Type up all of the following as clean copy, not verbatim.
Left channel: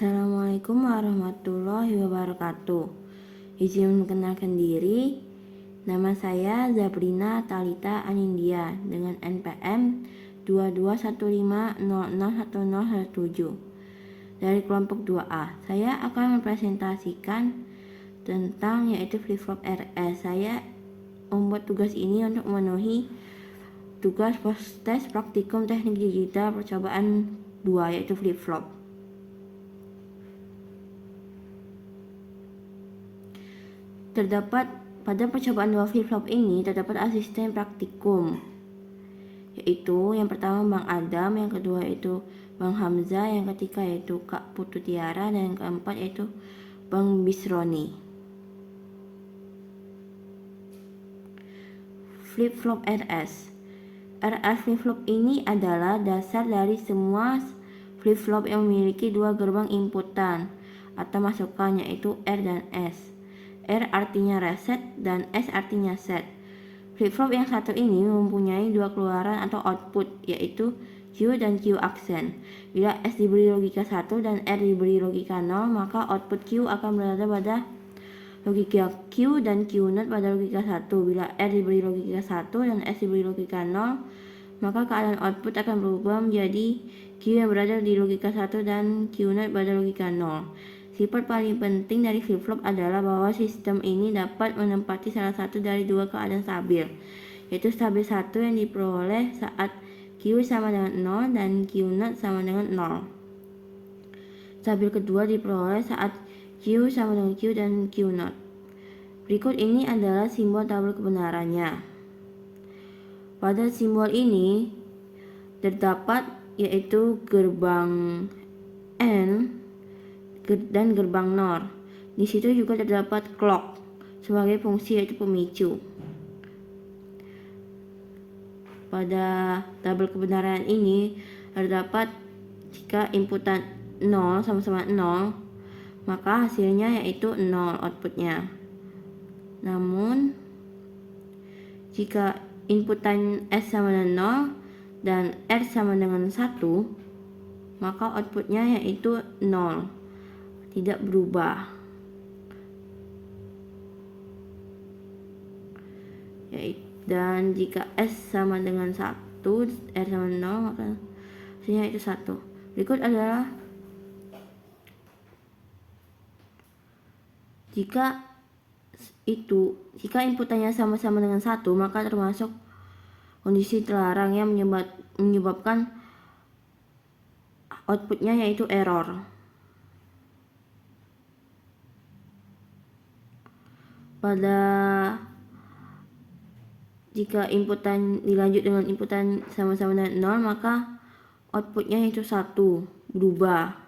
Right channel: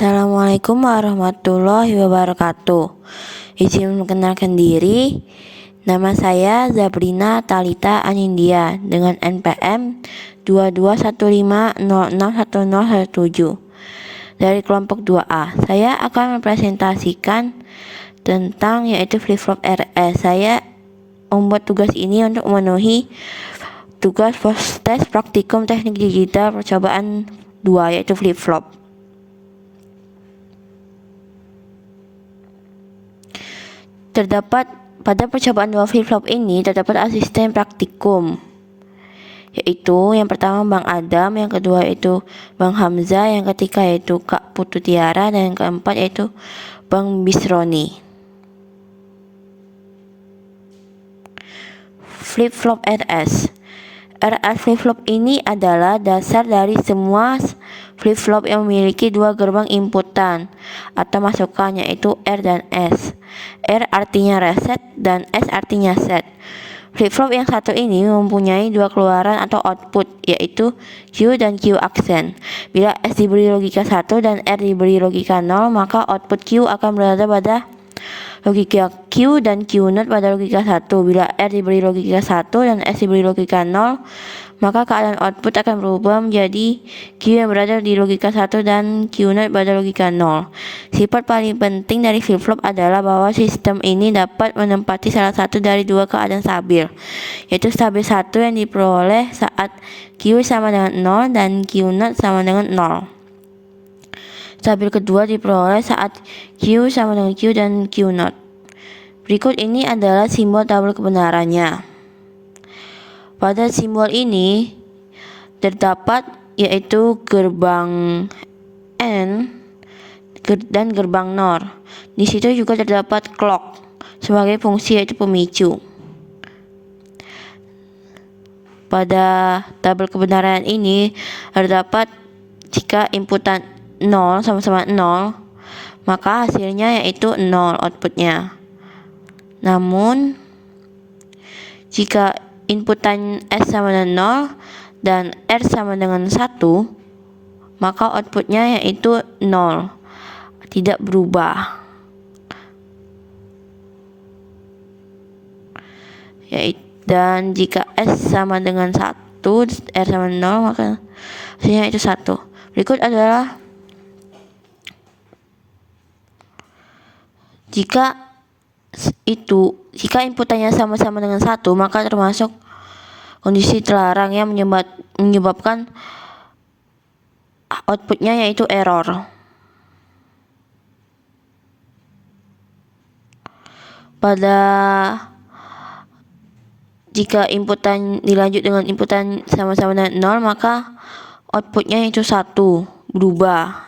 Assalamualaikum warahmatullahi wabarakatuh. Izin mengenalkan diri. Nama saya Zabrina Talita Anindya dengan NPM 2215061017 dari kelompok 2A. Saya akan mempresentasikan tentang yaitu flip-flop RS. Saya membuat tugas ini untuk memenuhi tugas tes praktikum teknik digital percobaan 2 yaitu flip-flop. Terdapat pada percobaan 2 flip-flop ini terdapat asisten praktikum, yaitu yang pertama Bang Adam, yang kedua yaitu Bang Hamzah, yang ketiga yaitu Kak Putu Tiara, dan yang keempat yaitu Bang Bisroni. Flip-flop RS flip-flop ini adalah dasar dari semua flip-flop yang memiliki dua gerbang inputan atau masukan, yaitu R dan S. R artinya reset dan S artinya set. Flip-flop yang satu ini mempunyai dua keluaran atau output, yaitu Q dan Q aksen. Bila S diberi logika 1 dan R diberi logika 0, maka output Q akan berada pada logika Q dan Q0 pada logika 1. Bila R diberi logika 1 dan S diberi logika 0, maka keadaan output akan berubah menjadi Q yang berada di logika 1 dan Q0 pada logika 0. Sifat paling penting dari flip-flop adalah bahwa sistem ini dapat menempati salah satu dari dua keadaan stabil, yaitu stabil 1 yang diperoleh saat Q sama dengan 0 dan Q0 sama dengan 0. Stabil kedua diperoleh saat Q sama dengan Q dan Q0. Berikut ini adalah simbol tabel kebenarannya. Pada simbol ini terdapat yaitu gerbang N dan gerbang NOR. Di situ juga terdapat clock sebagai fungsi yaitu pemicu. Pada tabel kebenaran ini terdapat jika inputan 0 sama-sama 0, maka hasilnya yaitu 0 outputnya. Namun jika inputan S sama dengan 0 dan R sama dengan 1, maka outputnya yaitu 0, tidak berubah. Dan jika S sama dengan 1, R sama 0, maka hasilnya itu 1. Berikut adalah jika inputannya sama-sama dengan 1, maka termasuk kondisi terlarang yang menyebabkan outputnya yaitu error. Jika inputan dilanjut dengan inputan sama-sama dengan 0, maka outputnya yaitu 1 berubah.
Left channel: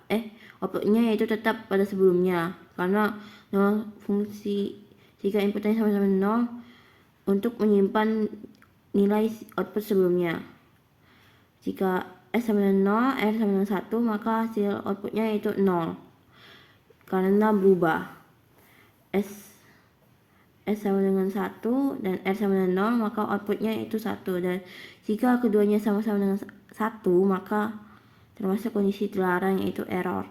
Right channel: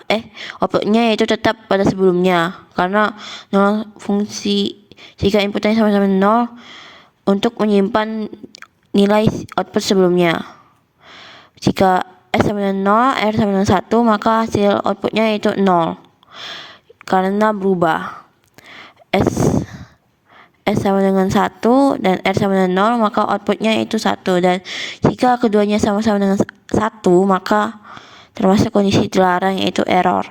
Outputnya yaitu tetap pada sebelumnya, karena 0 fungsi jika inputannya sama-sama 0 untuk menyimpan nilai output sebelumnya. Jika S sama dengan 0, R sama dengan 1, maka hasil outputnya yaitu 0 karena berubah. S sama dengan 1 dan R sama dengan 0, maka outputnya yaitu 1. Dan jika keduanya sama-sama dengan 1, maka termasuk kondisi terlarang yaitu error.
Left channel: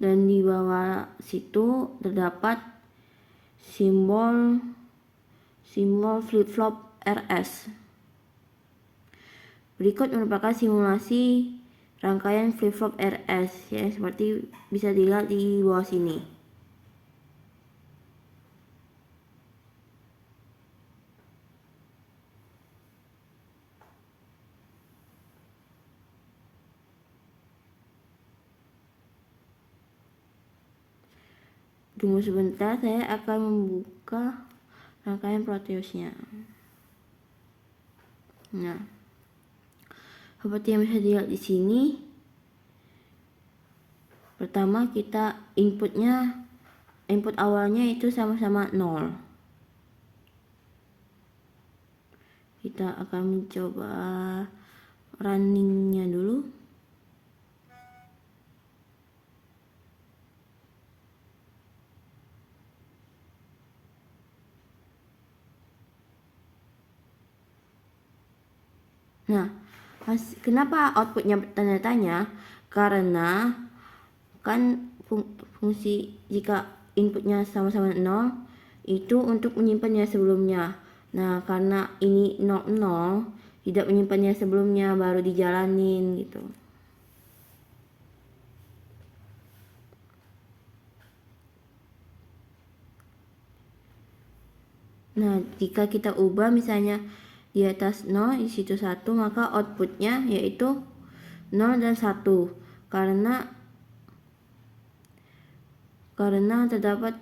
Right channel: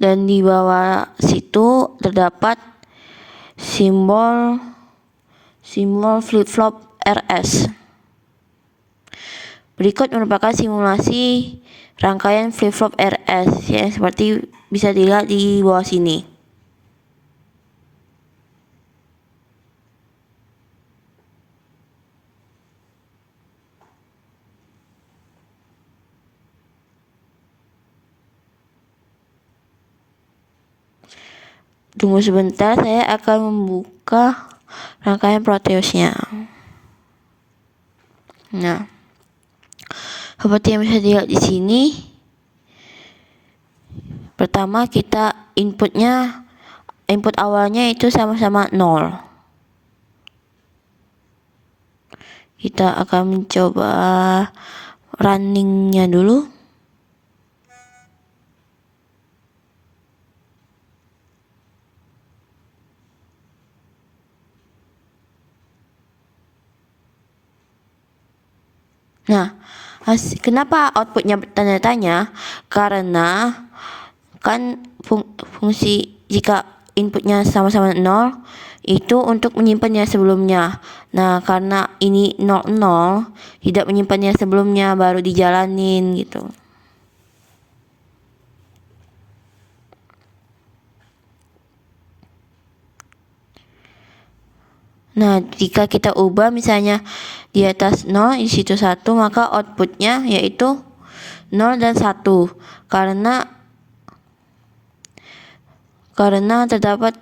Dan di bawah situ terdapat simbol flip-flop RS. Berikut merupakan simulasi rangkaian flip-flop RS yang seperti bisa dilihat di bawah sini. Tunggu sebentar, saya akan membuka rangkaian Proteusnya. Nah, seperti yang bisa dilihat di sini, pertama kita input awalnya itu sama-sama 0. Kita akan mencoba runningnya dulu. Nah, Kenapa outputnya tanda tanya? Karena kan fungsi jika inputnya sama-sama 0 itu untuk menyimpan yang sebelumnya. Nah, karena ini 00 tidak menyimpan yang sebelumnya, baru dijalanin gitu. Nah, jika kita ubah misalnya di atas 0 di situ 1, maka outputnya yaitu 0 dan 1 karena terdapat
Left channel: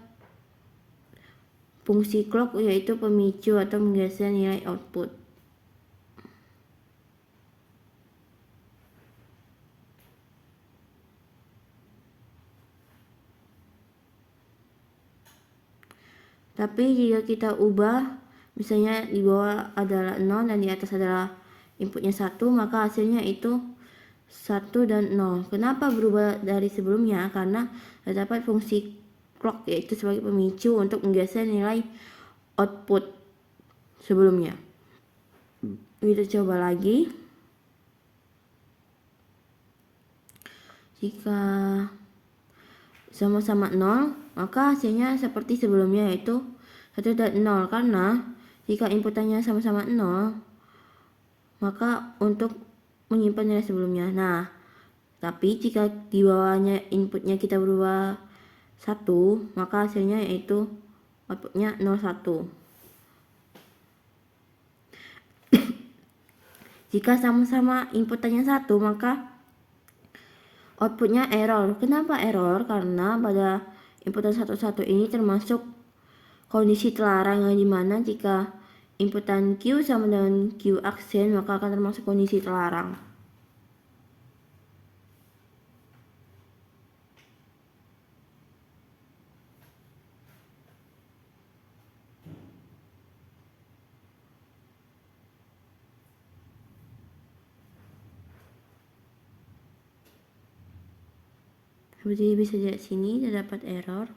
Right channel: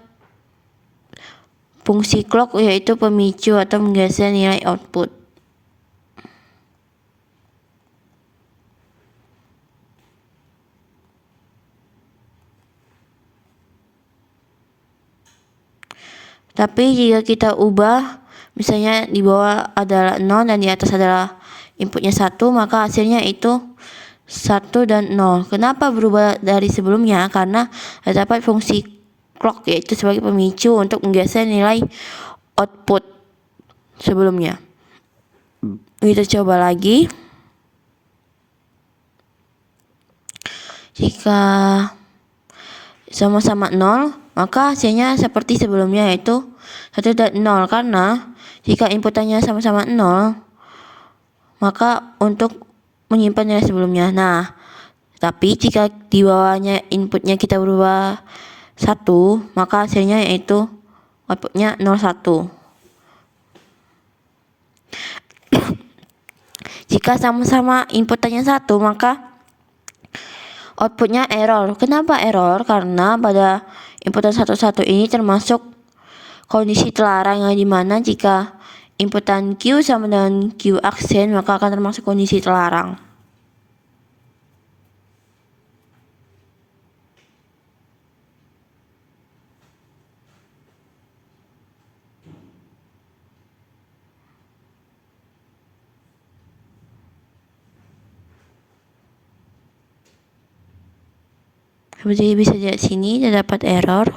fungsi clock yaitu pemicu atau menggeser nilai output. Tapi jika kita ubah misalnya di bawah adalah 0 dan di atas adalah inputnya 1, maka hasilnya itu 1 dan 0. Kenapa berubah dari sebelumnya? Karena terdapat fungsi clock yaitu sebagai pemicu untuk menggeser nilai output sebelumnya. Kita coba lagi. Jika sama-sama 0, maka hasilnya seperti sebelumnya yaitu 1 dan 0, karena jika inputannya sama-sama 0, maka untuk menyimpan nilai sebelumnya. Nah, tapi jika di bawahnya inputnya kita berubah 1, maka hasilnya yaitu outputnya 01. Jika sama-sama inputannya 1, maka outputnya error. Kenapa error? Karena pada inputan 11 ini termasuk kondisi terlarang, yang dimana jika inputan Q sama dengan Q aksen, maka akan termasuk kondisi terlarang. Seperti bisa dilihat sini, terdapat error.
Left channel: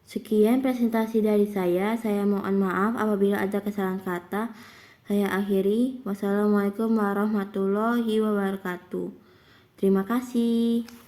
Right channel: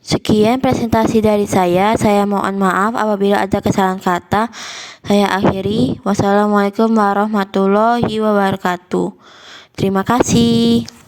Sekian presentasi dari saya. Saya mohon maaf apabila ada kesalahan kata. Saya akhiri. Wassalamualaikum warahmatullahi wabarakatuh. Terima kasih.